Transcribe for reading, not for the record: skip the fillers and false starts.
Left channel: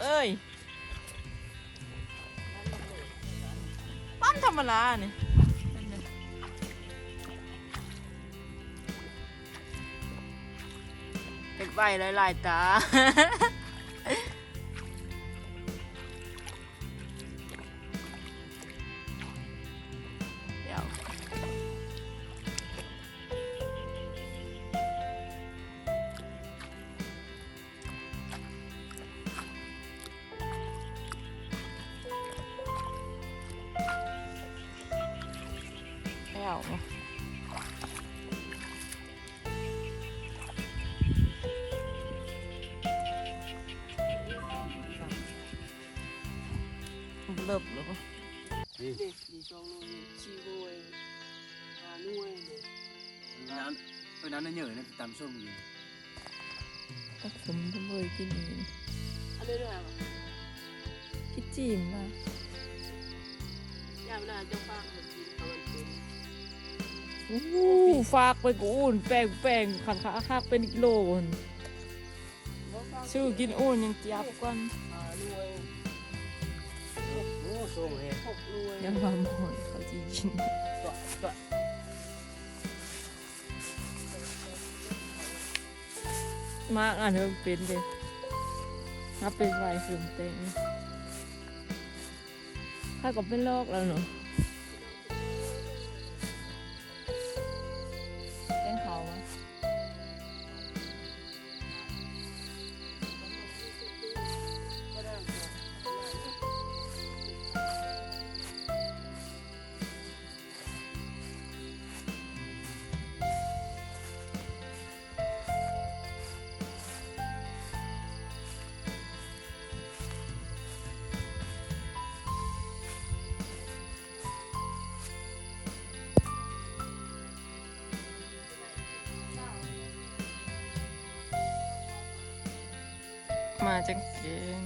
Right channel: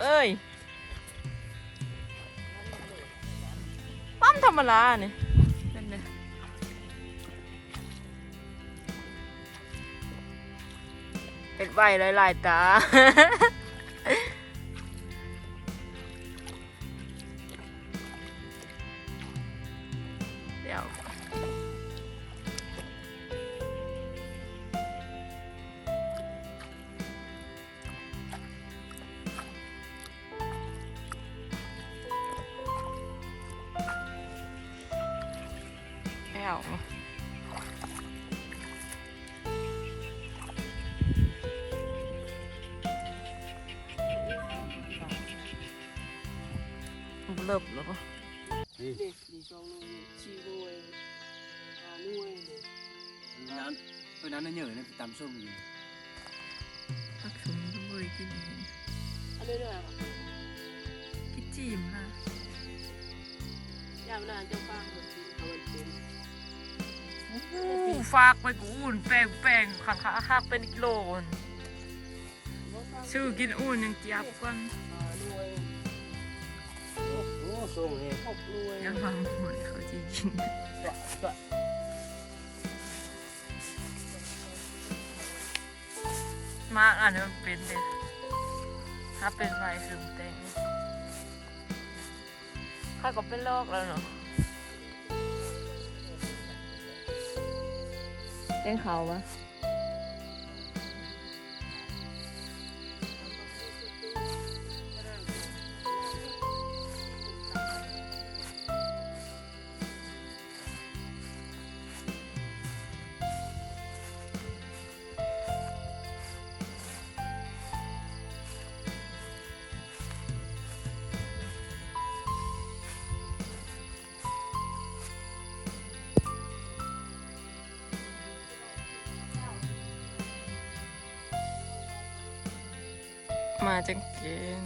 เอ้ยปั๊มธรรมดาเนี่ยนั่นเนี่ยเห็ดใบหลายๆตา เดี๋ยวเลิบแล้วปะ นี่ช่องนู้นชีโวยนุ่ยเลยนั้นน่ะเหนื่อยนะตำส้มอยู่ ตักสมจะเบยกินเอง อันนี้ด้วยป่ะ กินจีมนะ ยามหน้าเจ้าฟ้าเขากินเอามันเป็น ฝากไปกูอุ่นแป้งขันขาหักเป็นกิโลนชื่อกินอุ่นยังเจี๊ยบกัน นุ่ย โอ้ส้มเนี่ย 6นุ่ย ยังมาหมดเขาจะกิน ตัว มากอ่านมันเป็นเด็ถ้าเป็นไรคือเต็งถ้าก็เป็นโรคแล้วเนาะเต้นเขาปะมาจังเกน